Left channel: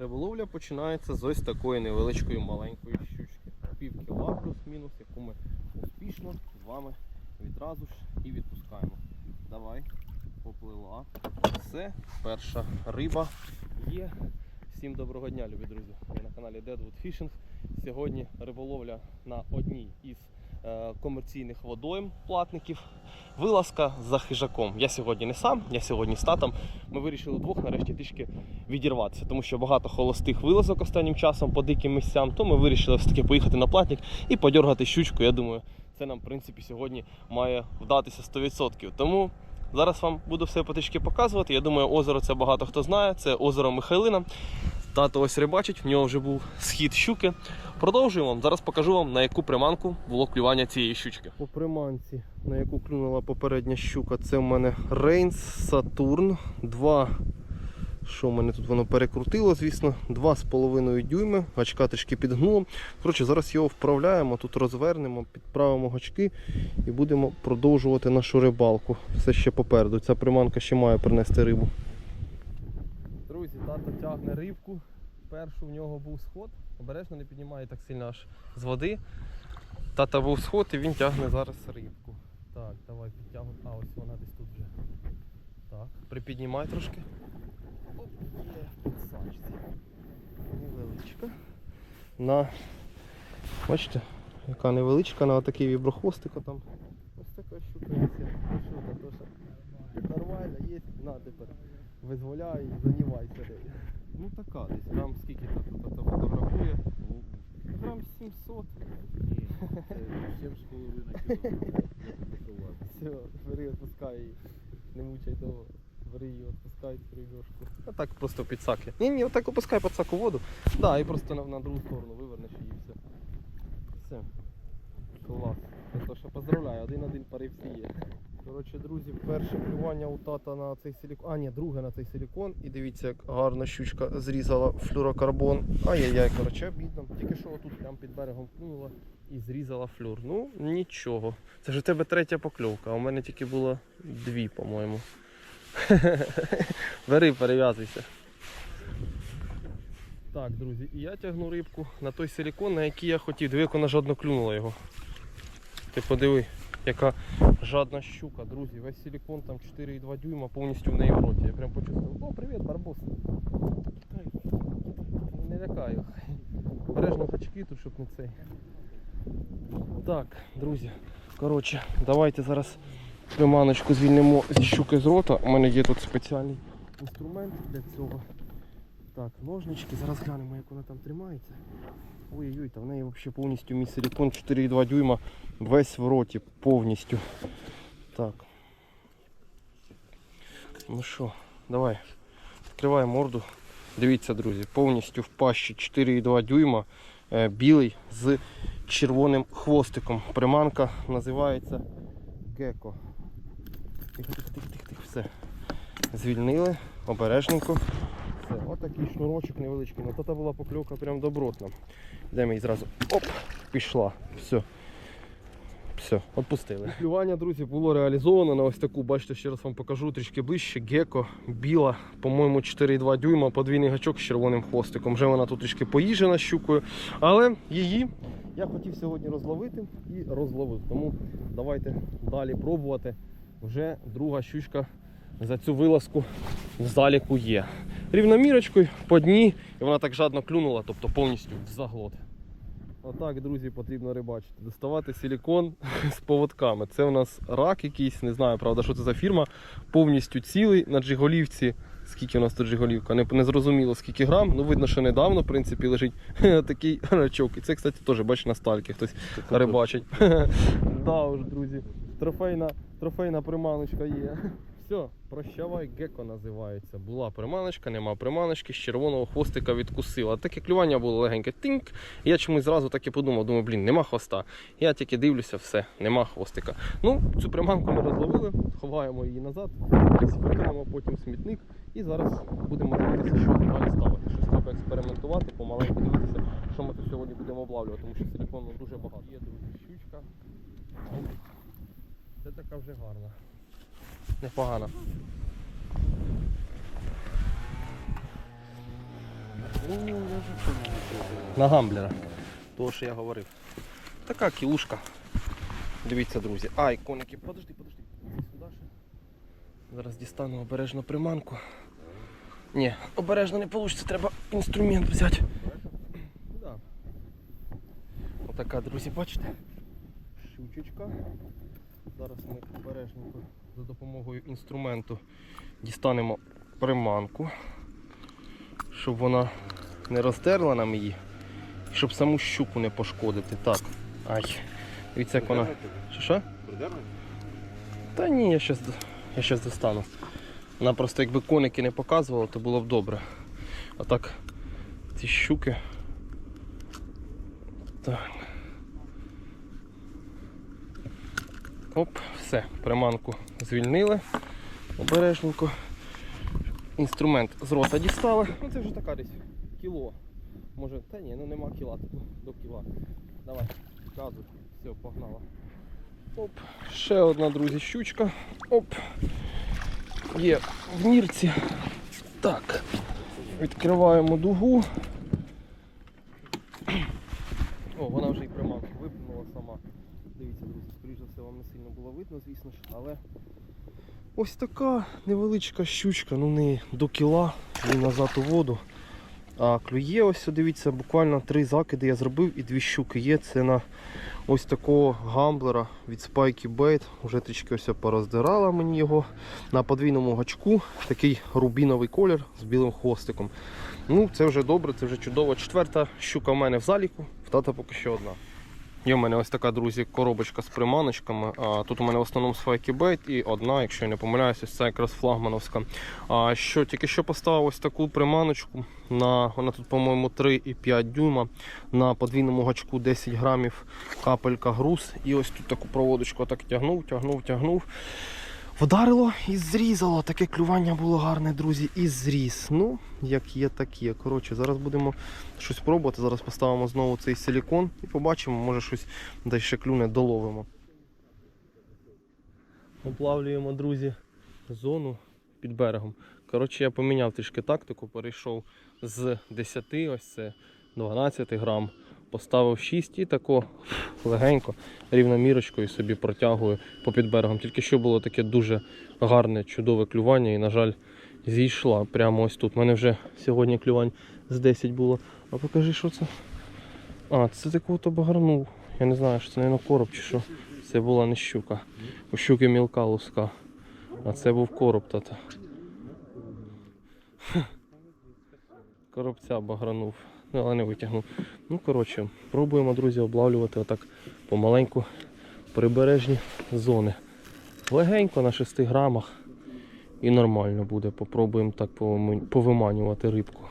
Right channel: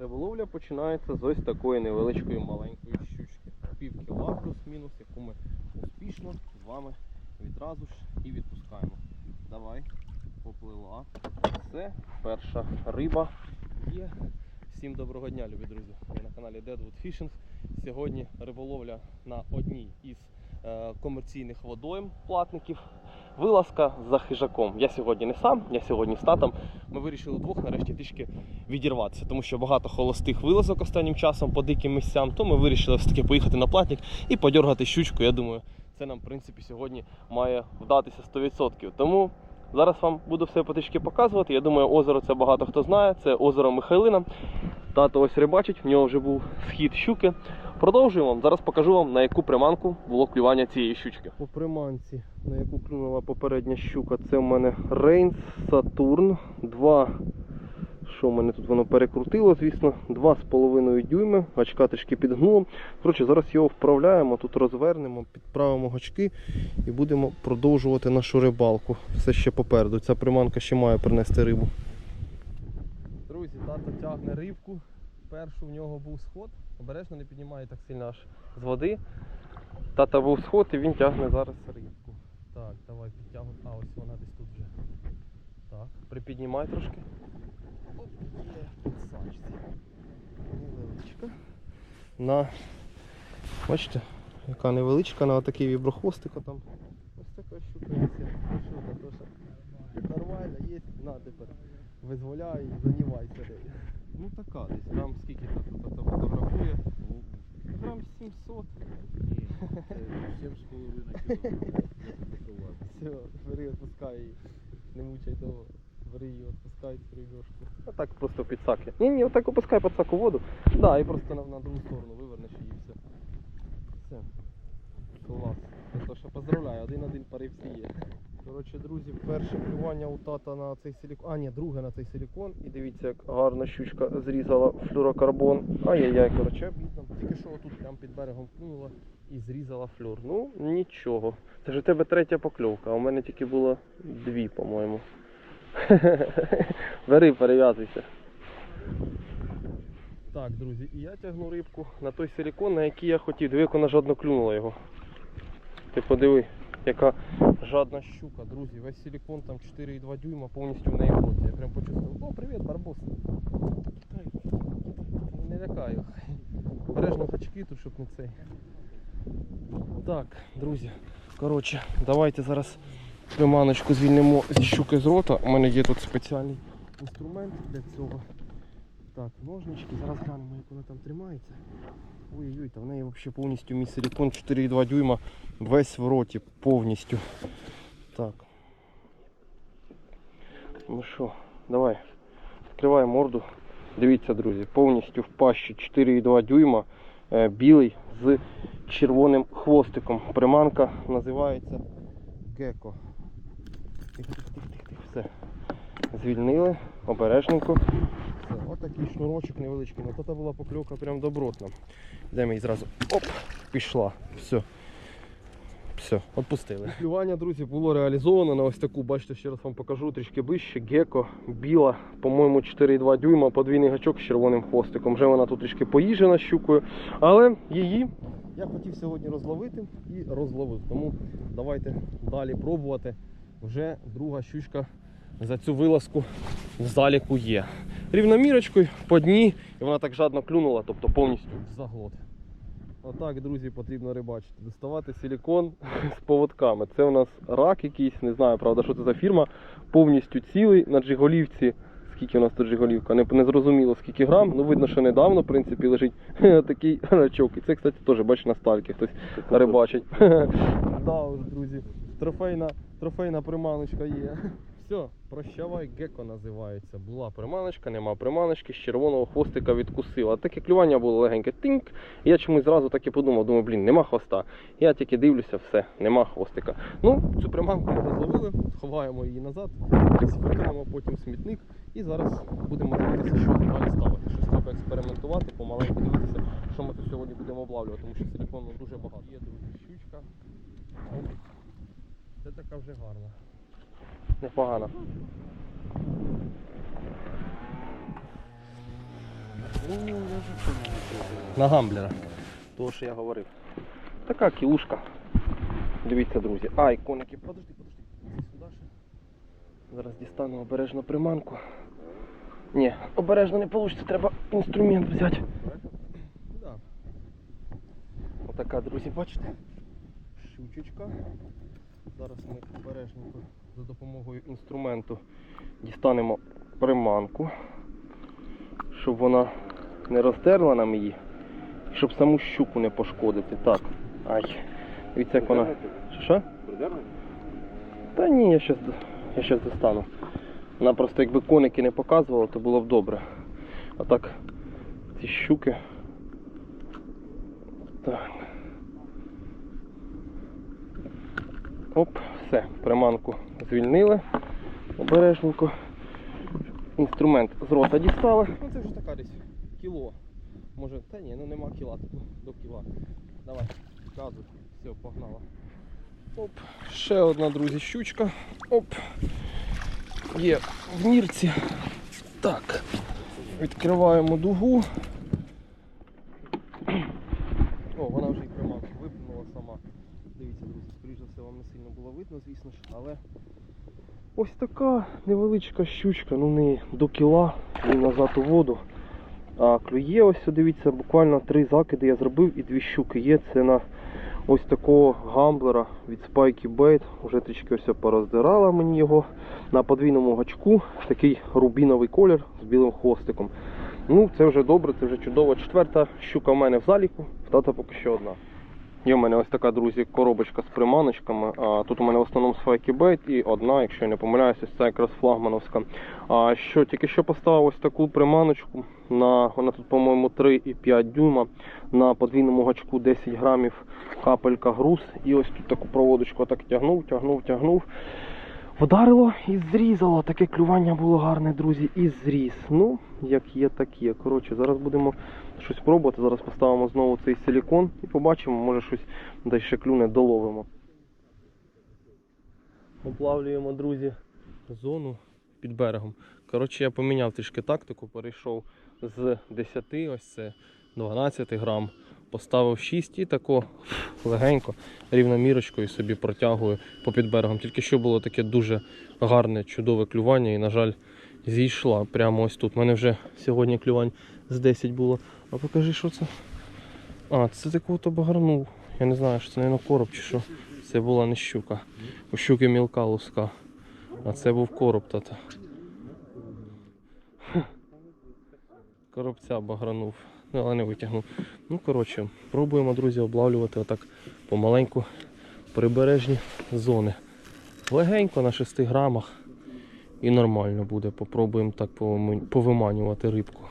Риболовля починається з ось такої невеличкої маленької щучки. Пів кіла плюс-мінус, яку ми успішно з вами відразу ж і відпускаємо. Давай, поплила. Все, перша риба є. Всім доброго дня, любі друзі. Ви на каналі Deadwood Fishing. Сьогодні риболовля на одній із комерційних водойм платників. Вилазка за хижаком. Я сьогодні не сам, я сьогодні з татом. Ми вирішили двох нарешті трішки відірватися, тому що багато холостих вилазок останнім часом по диким місцям. То ми вирішили все-таки поїхати на платник і подергати щучку. Я думаю, це нам в принципі сьогодні має вдатися 100%. Тому зараз вам буду все потрішки показувати. Я думаю, озеро це багато хто знає. Це озеро Михайлина. Тато ось рибачить, в нього вже був схід щуки. Продовжуємо. Зараз покажу вам, на яку приманку було клювання цієї щучки. По приманці, на яку клюнула попередня щука, це в мене Рейнс Сатурн. Два. Що в мене тут воно перекрутило, звісно, 2,5 дюйми, гачка трішки підгнуло. Коротше, зараз його вправляємо, тут розвернемо, підправимо гачки і будемо продовжувати нашу рибалку. Все ще попереду. Ця приманка ще має принести рибу. Друзі, тато тягне рибку. Першу в нього був сход. Обережно не піднімає так сильно аж з води. Тата був сход і він тягне зараз рибку. Так, давай підтягуй. А, ось вона десь тут вже. Так, припіднімай трошки. Оп, є в підсачці. Невеличка. На. Бачите, яка невеличка, на отакий віброхвостик там. Ось така щука є. Що? Нормально, є. На тепер. Визволяй і занімайся нею. Ну така десь. Грам скільки тут тут фотографує? Грам 700. Ні, це 7,5 кілограмів. Все, бери, відпускай її. Не мучай того. Бери її, відпускай рибешку. А так просто підсаки. Ні, ні, отак опускай підсак у воду. Да, і просто на, на другу сторону вивернеш її все. Все. Клас. То що поздравляю, один-один паривці є. Коротше, друзі, перше клювання у тата на цей силікон. А, ні, друге на цей силікон. І дивіться, як гарна щучка зрізала флюрокарбон. Ай-яй-яй, коротше, обідно. Тільки що отут прямо під берегом клюнула і зрізала флюр. Ну, нічого. Це ж у тебе третя покльовка, а у мене тільки було дві, по-моєму. Бери, перев'язуйся. Так, друзі, і я тягну рибку на той силікон, на який я хотів. Диви, як вона жадно клюнула його. Ти подиви, яка жадна щука, друзі. Весь силікон там 4,2 дюйма повністю в неї в роті. Я прям почувствував. О, привіт, барбос. Не лякаю. Бережно гачки тут, щоб не цей. Так, друзі. Коротше, давайте зараз приманочку звільнимо зі щуки з рота. У мене є тут спеціальний інструмент для цього. Так, ножнички, зараз глянемо, як вона там тримається. Ой-ой, та в неї взагалі повністю мій силікон 4,2 дюйма весь в роті повністю. Так. Ну що, давай. Відкривай морду. Дивіться, друзі, повністю в пащі 4,2 дюйма. е, Білий з червоним хвостиком. Приманка називається Геко. Тихо, тихо, тихо, тихо, тихо. Все. Звільнили, обережненько. Все, отакий шнурочок невеличкий. Ну то була покльовка прям добротна. Йдемо її зразу. Оп! Пішла. Все. Все, відпустили. Клювання, друзі, було реалізовано на ось таку, бачите, ще раз вам покажу трішки ближче. Геко, біла, по-моєму, 4,2 дюйма, подвійний гачок з червоним хвостиком. Вже вона тут трішки поїжена щукою. Але її я хотів сьогодні розловити і розловив. Тому давайте далі пробувати. Вже друга щучка за цю вилазку в заліку є. Рівномірочкою по дні, і вона так жадно клюнула, тобто повністю в заглот. Отак, друзі, потрібно рибачити. Доставати силікон з поводками. Це у нас рак якийсь, не знаю, правда, що це за фірма. Повністю цілий на джиголівці. Скільки у нас тут джиголівка? Не, не зрозуміло скільки грам. Ну видно, що недавно, в принципі, лежить такий рачок. І це, кстати, теж бачиш на стальки хтось рибачить. Да друзі. Трофейна, трофейна приманочка є. Все, прощавай, геко називається. Була приманочка, нема приманочки, з червоного хвостика відкусила. Таке клювання було легеньке. Тинк. Я чомусь зразу так і подумав, думаю, блін, нема хвоста. Я тільки дивлюся, все, нема хвостика. Ну, цю приманку ми розловили, ховаємо її назад, викинемо потім смітник. І зараз будемо дивитися, що далі ставити. Щось треба експериментувати, помаленьку дивитися, що ми тут сьогодні будемо облавлювати, тому що силікону дуже багато. Є друзі, щучка. Це така вже гарна. Непогано. На гамблера. Того, що я говорив. Така кілушка. Дивіться, друзі. Ай, коники, подожди, подожди. Зараз дістану обережно приманку. Ні, обережно не вийде, треба інструмент взяти. Да. Отака, друзі, бачите? Щучечка. Зараз ми обережненько за допомогою інструменту дістанемо приманку, щоб вона не роздерла нам її, і щоб саму щуку не пошкодити. Так. Ай. Дивіться, як вона. Що що? Та ні, я щас, я щас достану. Вона просто якби коники не показувала, то було б добре. А так, ці щуки. Так. Оп, все, приманку звільнили. Обережненько. Інструмент з рота дістали. Ну це вже така десь кіло. Може, та ні, ну нема кіла, ну, до кіла. Давай, газу. Все, погнала. Оп, ще одна, друзі, щучка. Оп. Є в нірці. Так. Відкриваємо дугу. О, вона вже і приманку виплюнула сама. Дивіться, друзі, скоріш за все вам не сильно було видно, звісно ж, але ось така невеличка щучка, ну не до кіла, і назад у воду. А клює ось, дивіться, буквально три закиди я зробив і дві щуки є. Це на ось такого гамблера від Spikey Bait. Уже трішки ось пороздирала мені його на подвійному гачку. Такий рубіновий колір з білим хвостиком. Ну, це вже добре, це вже чудово. Четверта щука в мене в заліку, в тата поки що одна. Є в мене ось така, друзі, коробочка з приманочками. Тут у мене в основному Bait і одна, якщо я не помиляюся, ось це якраз флагмановська. Що, тільки що поставив ось таку приманочку. На, вона тут, по-моєму, 3,5 дюйма. На подвійному гачку 10 грамів капелька груз. І ось тут таку проводочку так тягнув, тягнув, тягнув. Вдарило і зрізало. Таке клювання було гарне, друзі, і зріз. Ну, як є, так є. Коротше, зараз будемо щось пробувати. Зараз поставимо знову цей силікон і побачимо, може щось десь ще клюне доловимо. Оплавлюємо, друзі, зону під берегом. Коротше, я поміняв трішки тактику, перейшов з 10, ось це 12 грам, поставив 6 і тако легенько, рівномірочкою собі протягую по під берегом. Тільки що було таке дуже гарне, чудове клювання і, на жаль, зійшла прямо ось тут. У мене вже сьогодні клювань з 10 було. А покажи, що це. А, це такого то багарнув. Я не знаю, що це, мабуть, короб чи що. Це була не щука. У щуки мілка луска. А це був короб тата. Коробця багранув. Ну, але не витягнув. Ну, коротше, пробуємо, друзі, облавлювати отак помаленьку прибережні зони. Легенько на 6 грамах. І нормально буде. Попробуємо так повиманювати рибку.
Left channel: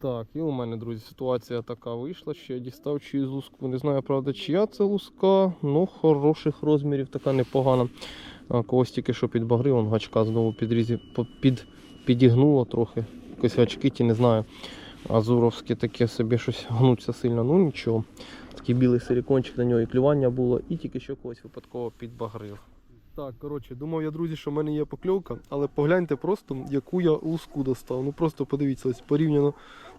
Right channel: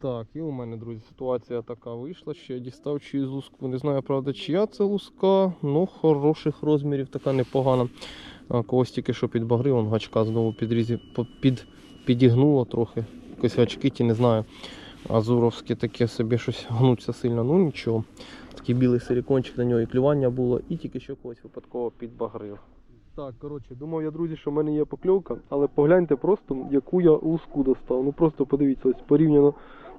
Так, і у мене, друзі, ситуація така вийшла, що я дістав чиюсь луску. Не знаю, правда, чия це луска, але хороших розмірів, така непогана. Когось тільки що підбагрив, он гачка знову підрізі, під, підігнуло трохи. Якось гачки ті, не знаю. Азуровське таке собі щось гнуться сильно, ну нічого. Такий білий силікончик на нього і клювання було, і тільки що когось випадково підбагрив. Так, коротше, думав я, друзі, що в мене є покльовка, але погляньте просто, яку я луску достав. Ну просто подивіться, ось порівняно.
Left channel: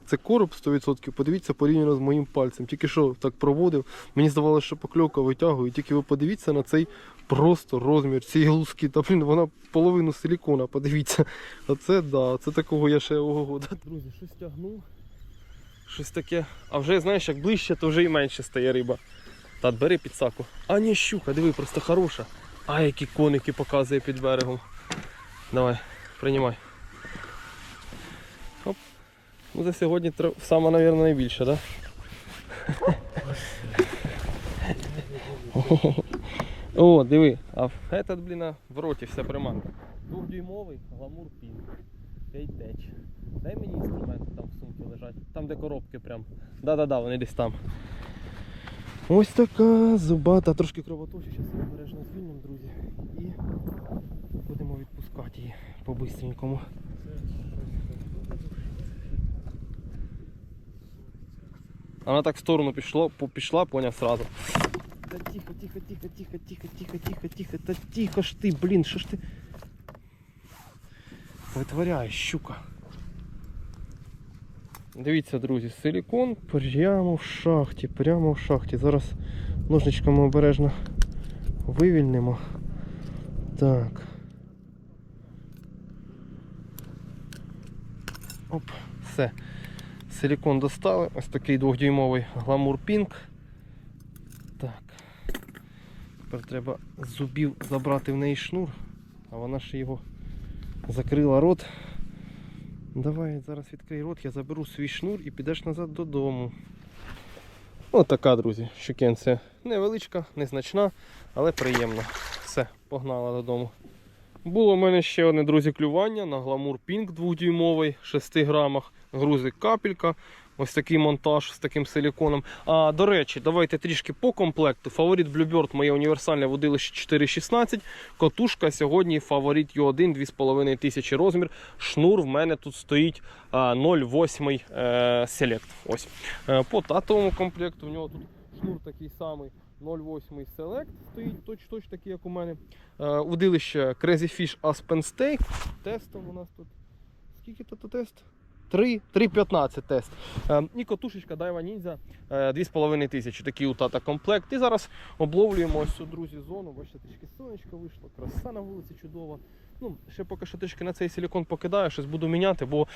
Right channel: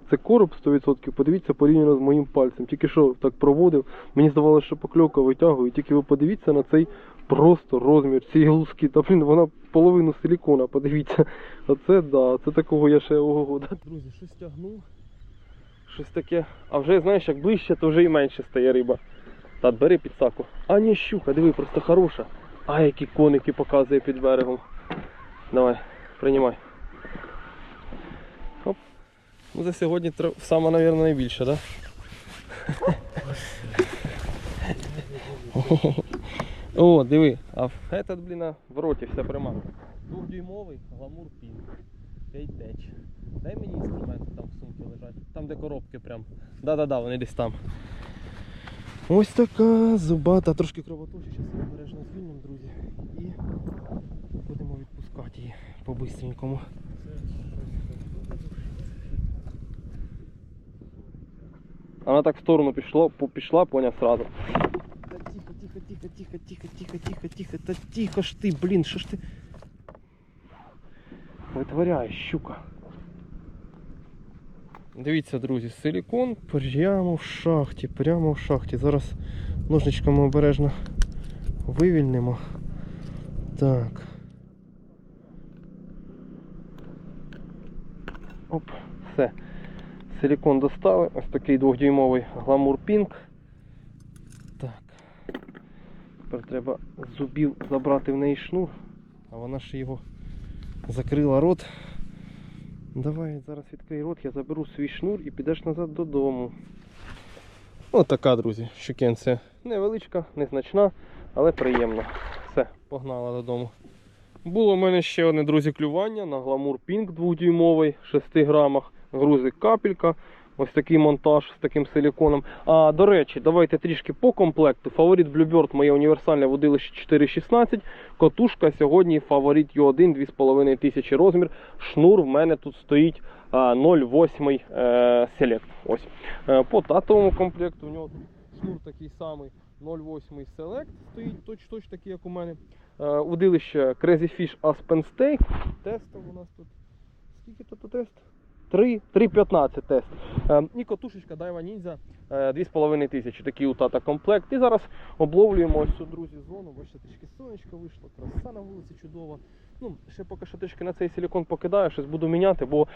Це короб 100%, подивіться порівняно з моїм пальцем. Тільки що так проводив. Мені здавалося, що покльовка витягує. Тільки ви подивіться на цей просто розмір цієї луски. Та блін, вона половину силікона, подивіться. А це да, це такого я ще ого. Да. Друзі, щось тягнув. Щось таке. А вже знаєш, як ближче, то вже і менше стає риба. Тат, бери підсаку. А ні, щука, диви, просто хороша. А які коники показує під берегом. Давай, приймай. Оп. Ну за сьогодні сама, мабуть, найбільша, так? Да? О, диви, а этот, блін, в роті вся приманка. Двохдюймовий гламур пін. Кейтеч. Дай мені інструменти там в сумці лежать. Там де коробки прям. Да-да-да, вони десь там. Ось така зубата, трошки кровоточить, зараз її обережно звільнимо, друзі. І будемо відпускати її по-бистренькому. Вона так в сторону пішла, пішла, поняв сразу. Та тихо, тихо, тихо, тихо, тихо, тихо, тихо, тихо, та тихо ж ти, блін, що ж ти витворяєш, щука. Дивіться, друзі, силікон прямо в шахті, прямо в шахті. Зараз ножничками обережно вивільнимо. Так. Оп, все. Силікон достали. Ось такий двохдюймовий гламур Pink. Так. Тепер треба зубів забрати в неї шнур, а вона ще його закрила рот. Давай зараз відкрий рот, я заберу свій шнур і підеш назад додому. Ось така, друзі, щукенція. Невеличка, незначна, але приємна. Все, погнала додому. Було в мене ще одне, друзі, клювання на гламур пінг 2-дюймовий, 6 грамах, грузик капелька. Ось такий монтаж з таким силіконом. А до речі, давайте трішки по комплекту. Фаворит Bluebird моє універсальне водилище 4.16. Котушка сьогодні фаворит Ю1 2500 розмір. Шнур в мене тут стоїть 0,8 е, Select. Ось. Е, По татовому комплекту в нього тут шнур такий самий 0,8 Select стоїть, точ, точ такий, як у мене. Е, Удилище Crazy Fish Aspen Steak. Тестом у нас тут. Скільки тут тест? 3, 3,15 тест. Е, і котушечка Daiwa Ninja е, 2500. Такий у тата комплект. І зараз обловлюємо ось цю, друзі, зону. Бачите, трішки сонечко вийшло, краса на вулиці чудова. Ну, ще поки що трішки на цей силікон покидаю, щось буду міняти, бо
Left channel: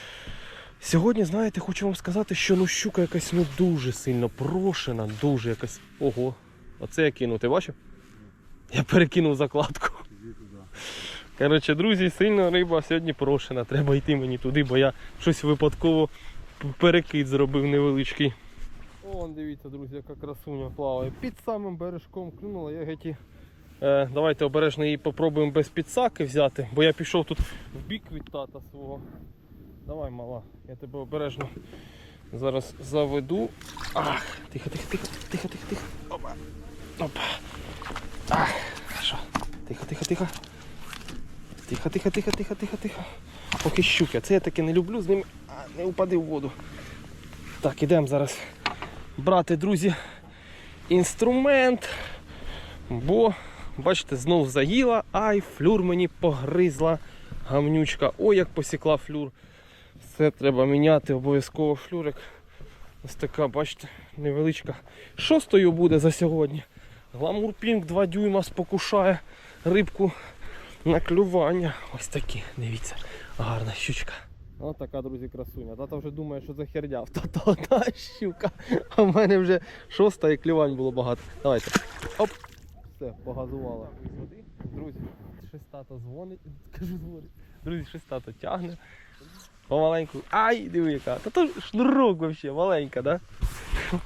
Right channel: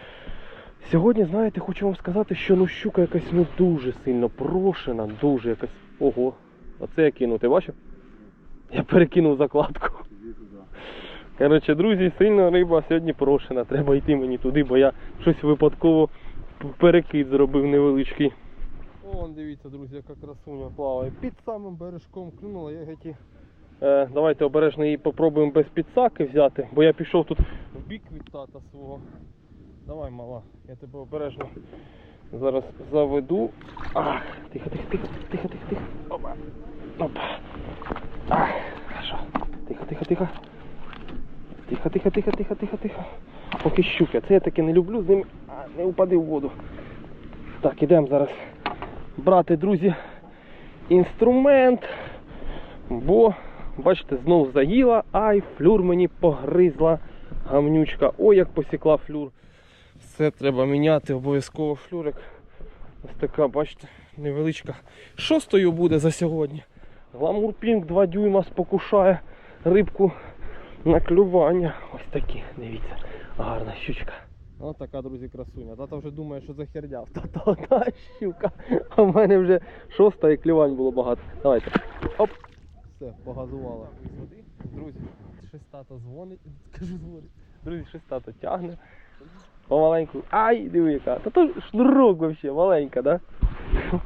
сьогодні, знаєте, хочу вам сказати, що ну щука якась ну дуже сильно прошена, дуже якась. Ого, оце я кинув, ти бачив? Я перекинув закладку. Коротше, друзі, сильно риба сьогодні прошена. Треба йти мені туди, бо я щось випадково перекид зробив невеличкий. О, дивіться, друзі, яка красуня плаває. Під самим бережком клюнула, я геті. Е, давайте обережно її попробуємо без підсаки взяти, бо я пішов тут в бік від тата свого. Давай, мала, я тебе обережно зараз заведу. Ах, тихо, тихо, тихо, тихо, тихо, тихо. Опа. Опа. Ах, що? Тихо, тихо, тихо. Тихо, тихо, тихо, тихо, тихо, тихо. Поки щуки. Це я таки не люблю, з ними а, не упади в воду. Так, ідемо зараз брати, друзі, інструмент. Бо, бачите, знов заїла, ай, флюр мені погризла гамнючка. Ой, як посікла флюр. Все треба міняти, обов'язково флюрик. Ось така, бачите, невеличка. Шостою буде за сьогодні. Гламур Пінк 2 дюйма спокушає рибку на клювання. Ось такі, дивіться, гарна щучка. Ось така, друзі, красуня. Тата вже думає, що за херня. Тата одна щука. А в мене вже шоста і клювань було багато. Давайте. Оп. Все, погазувала. Друзі, щось тато дзвонить. Кажу, дзвонить. Друзі, щось тато тягне. Помаленьку. Ай, диви яка. Та то шнурок взагалі, маленька, да?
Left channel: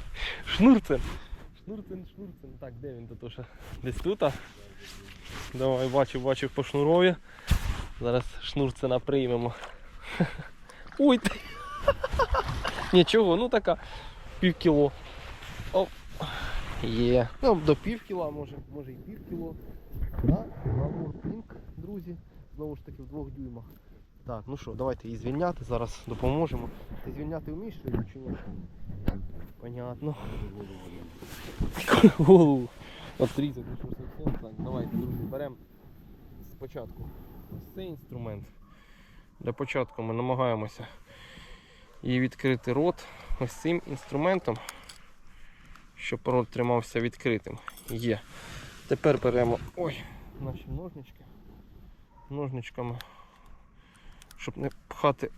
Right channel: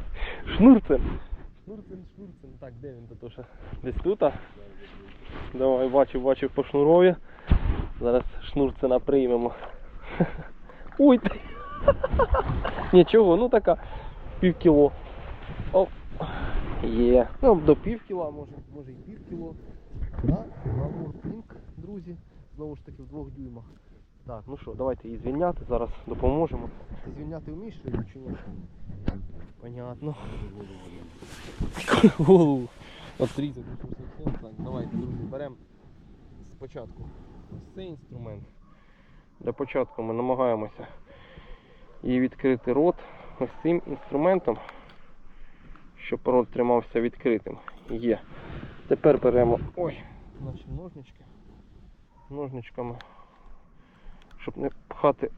Шнурцем. Шнурцем, шнурцем. Так, де він тут? Десь тут? Давай, бачу, бачу по шнурові. Зараз шнурцена приймемо. Ой! ти. Нічого, ну така пів кіло. Оп. Є. Ну, до пів кіла, може, може і пів кіло. Пінк, друзі. Знову ж таки в двох дюймах. Так, ну що, давайте її звільняти, зараз допоможемо. Ти звільняти вмієш чи ні? Понятно. Голову. Отрізати, що так. Давайте, друзі, беремо спочатку ось цей інструмент. Для початку ми намагаємося її відкрити рот ось цим інструментом, щоб рот тримався відкритим. Є. Тепер беремо ой, наші ножнички. Ножничками, щоб не пхати.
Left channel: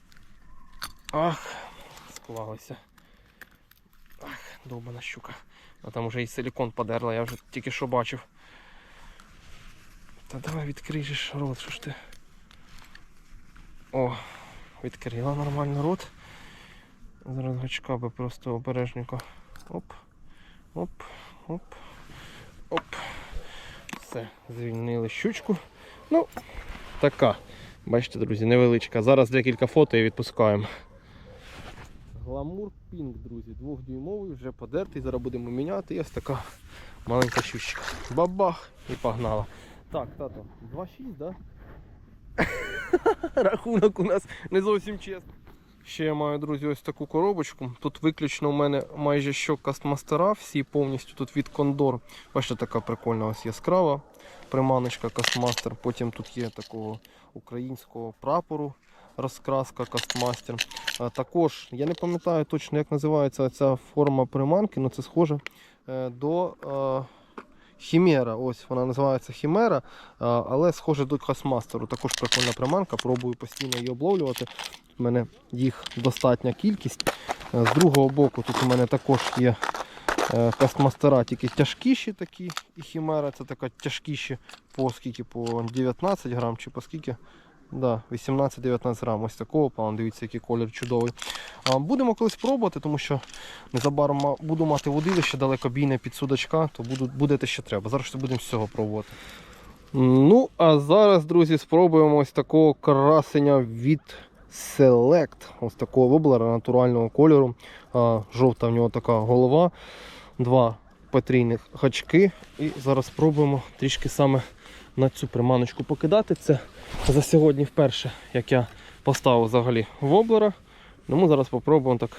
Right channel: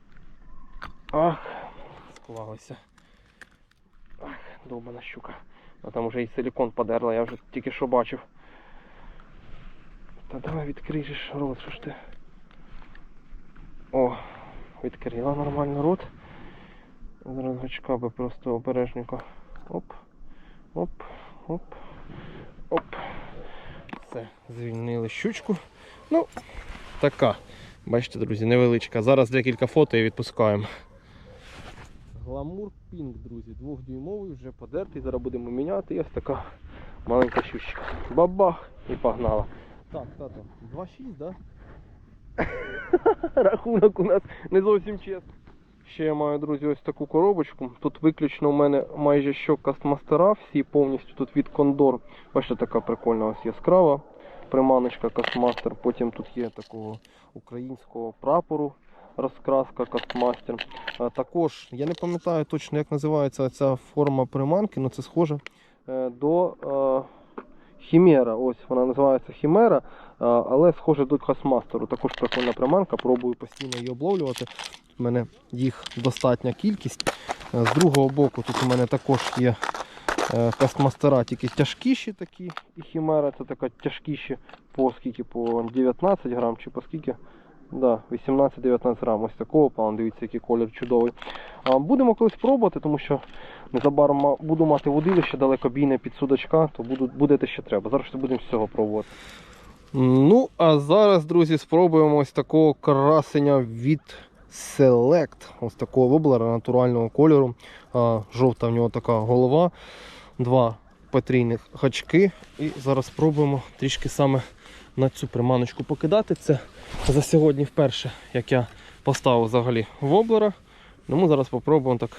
Ах, склалося. Ах, довбана щука. А там вже і силікон подерла, я вже тільки що бачив. Та давай відкриєш рот, що ж ти. О, відкрила нормально рот. Зараз гачка би просто обережненько. Оп, оп, оп, оп. Все, звільнили щучку. Ну, така. Бачите, друзі, невеличка. Зараз декілька фото і відпускаємо. Гламур Пінк, друзі, двохдюймовий, вже подертий, зараз будемо міняти. І ось така маленька щучка. Бабах і погнала. Так, тато, 2,6, да? Рахунок у нас не зовсім чесний. Ще я маю, друзі, ось таку коробочку. Тут виключно у мене майже що кастмастера, всі повністю тут від Кондор. Бачите, така прикольна ось яскрава приманочка кастмастер. Потім тут є такого українського прапору розкраска Кастмастер. Також я не пам'ятаю точно, як називається ця форма приманки, але це схоже е, до е, Хімера. Ось вона називається Хімера, е, але схоже до Кастмастеру. Також прикольна приманка, пробую постійно її обловлювати. У мене їх достатня кількість. Е, З другого боку тут у мене також є е, кастмастера, тільки тяжкіші такі, і хімера це така тяжкіші по скільки, по 19 грам чи по скільки. Да, 18-19 грам. Ось такого плану. Дивіться, який колір чудовий. А, будемо колись пробувати, тому що незабаром буду мати водилище далекобійне під судачка, то буду, буде те, що треба. Зараз ще будемо з цього пробувати. Ну, а зараз, друзі, спробуємо ось такого красення від Select. Ось такого воблера натурального кольору. А, жовта в нього така голова, два потрійних гачки. І зараз спробуємо трішки саме на цю приманочку покидати. Це за сьогодні вперше, як я поставив взагалі воблера. Тому зараз спробуємо так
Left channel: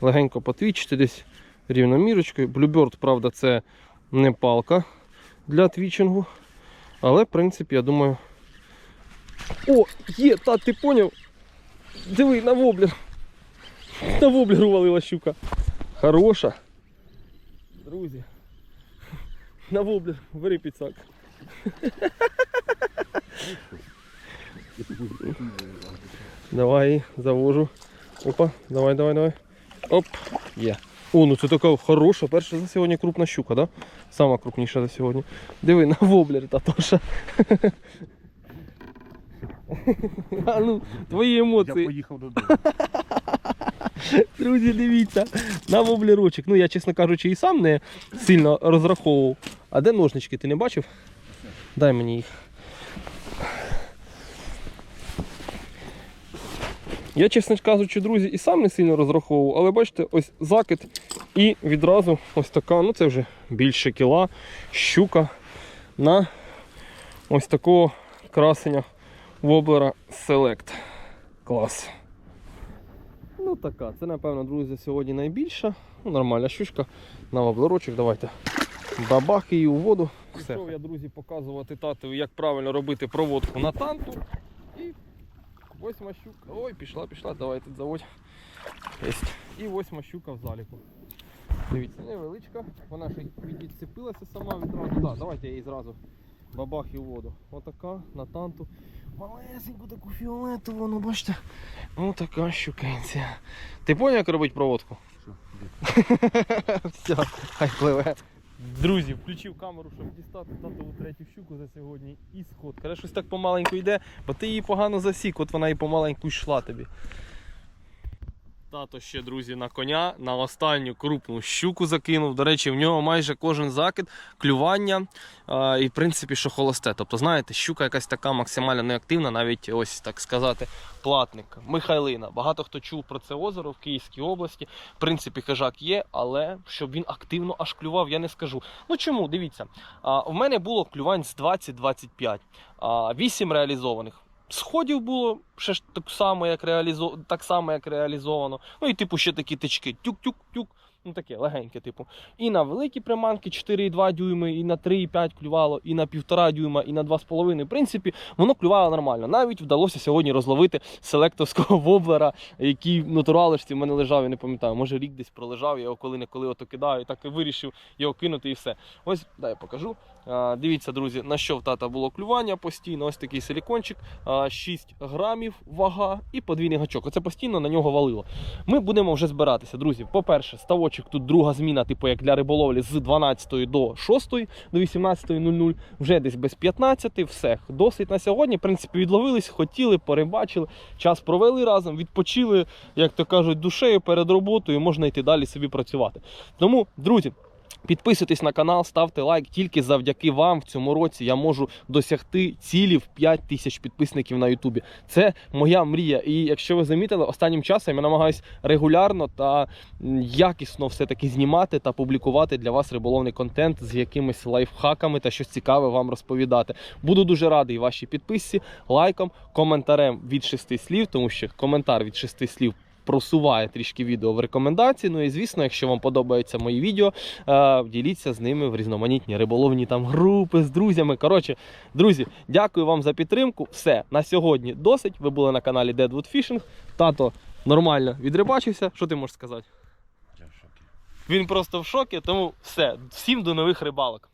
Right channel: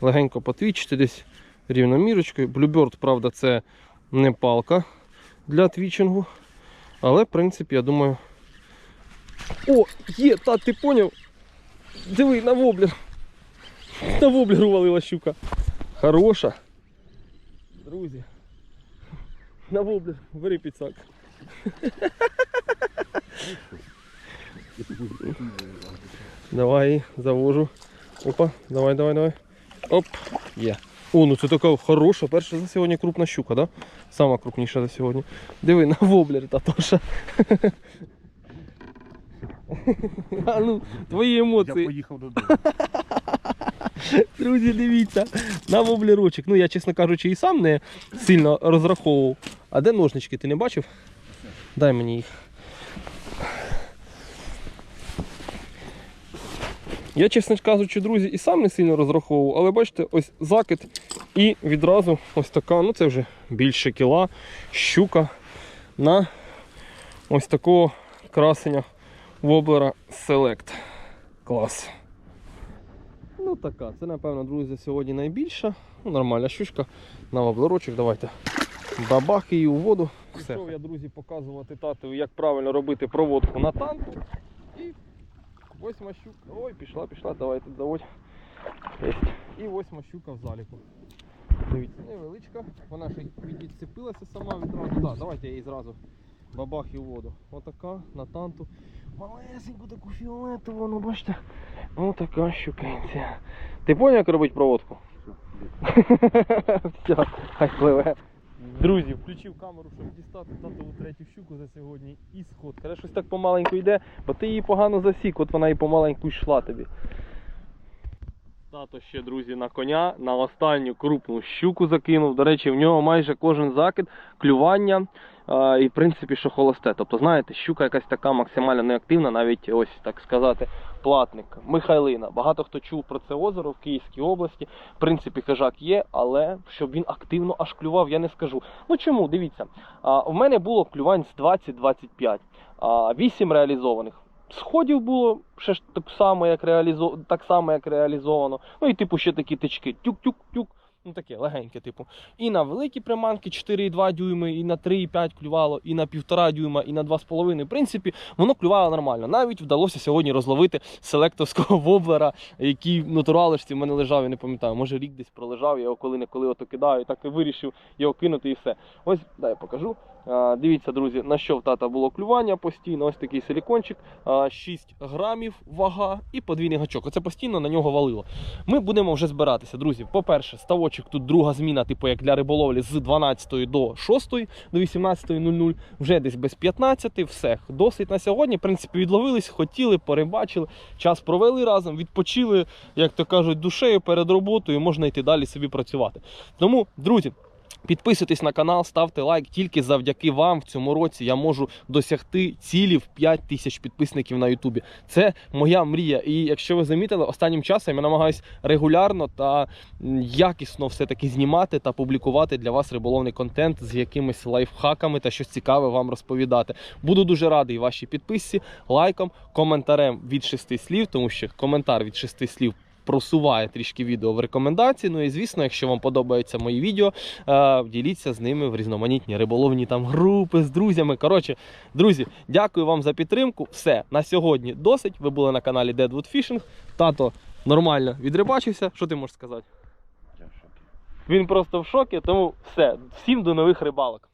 легенько потвічити десь рівномірочкою. Bluebird, правда, це не палка для твічингу. Але, в принципі, я думаю. О, є, та ти поняв? Диви, на воблер. На воблер увалила щука. Хороша. Друзі. На воблер, бери підсак. Давай, завожу. Опа, давай, давай, давай. Оп, є. О, ну це така хороша, перша за сьогодні крупна щука, да? Сама крупніша за сьогодні. Диви, на воблер Татоша. А ну, твої Я поїхав додому. Друзі, дивіться, на воблерочок. Ну я, чесно кажучи, і сам не сильно розраховував. А де ножнички, ти не бачив? Дай мені їх. Я, чесно кажучи, друзі, і сам не сильно розраховував, але бачите, ось закид і відразу ось така, ну це вже більше кіла, щука на ось такого красення воблера Select. Клас. Ну така, це напевно, друзі, сьогодні найбільша. Ну, нормальна щучка на воблерочок. Давайте бабах її у воду. Пішов я, друзі, показувати татові, як правильно робити проводку на танту. І восьма щука. Ой, пішла, пішла, давай тут заводь. Єсть. І восьма щука в заліку. Дивіться, невеличка. Вона ще відцепилася сама відразу. Так, давайте я її зразу бабах і у воду. Отака на танту. Малесеньку таку фіолетову, ну бачите. Отака щукенця. Ти поняв, як робити проводку? Все, хай пливе. Друзі, включив камеру, щоб дістати татову третю щуку за сьогодні і сход. Каже, щось так помаленьку йде, бо ти її погано засік, от вона і помаленьку йшла тобі. Тато ще, друзі, на коня на останню крупну щуку закинув. До речі, в нього майже кожен закид, клювання а, і в принципі, що холосте. Тобто, знаєте, щука якась така максимально неактивна, навіть ось так сказати, платник. Михайлина. Багато хто чув про це озеро в Київській області. В принципі, хижак є, але щоб він активно аж клював, я не скажу. Ну чому? Дивіться, а, у мене було клювань з 20-25, а, 8 реалізованих. Сходів було ще ж так само, як реалізо... так само, як реалізовано. Ну і типу ще такі тички. Тюк-тюк-тюк. Ну таке легеньке, типу. І на великі приманки 4,2 дюйми, і на 3,5 клювало, і на 1,5 дюйма, і на 2,5. В принципі, воно клювало нормально. Навіть вдалося сьогодні розловити селектовського воблера, який в натуралишці в мене лежав, я не пам'ятаю. Може рік десь пролежав, я його коли-неколи ото кидаю, і так і вирішив його кинути і все. Ось, дай я покажу. А, дивіться, друзі, на що в тата було клювання постійно. Ось такий силікончик, а, 6 грамів вага і подвійний гачок. Оце постійно на нього валило. Ми будемо вже збиратися, друзі. По-перше, ставочок тут друга зміна, типу як для риболовлі з 12 до 6, до 18.00, вже десь без 15, все. Досить на сьогодні. В принципі, відловились, хотіли, перебачили, час провели разом, відпочили, як то кажуть, душею перед роботою, можна йти далі собі працювати. Тому, друзі. Підписуйтесь на канал, ставте лайк. Тільки завдяки вам в цьому році я можу досягти цілі в 5 тисяч підписників на Ютубі. Це моя мрія. І якщо ви замітили, останнім часом я намагаюся регулярно та якісно все-таки знімати та публікувати для вас риболовний контент з якимись лайфхаками та щось цікаве вам розповідати. Буду дуже радий вашій підписці, лайком, коментарем від шести слів, тому що коментар від шести слів просуває трішки відео в рекомендації. Ну і звісно, якщо вам подобаються мої відео, е, діліться з ними в різноманітні риболовні там групи з друзями. Коротше, друзі, дякую вам за підтримку. Все на сьогодні досить. Ви були на каналі Deadwood Fishing. Тато нормально відрибачився. Що ти можеш сказати? Я в шокі. Він просто в шокі, тому все. Всім до нових рибалок.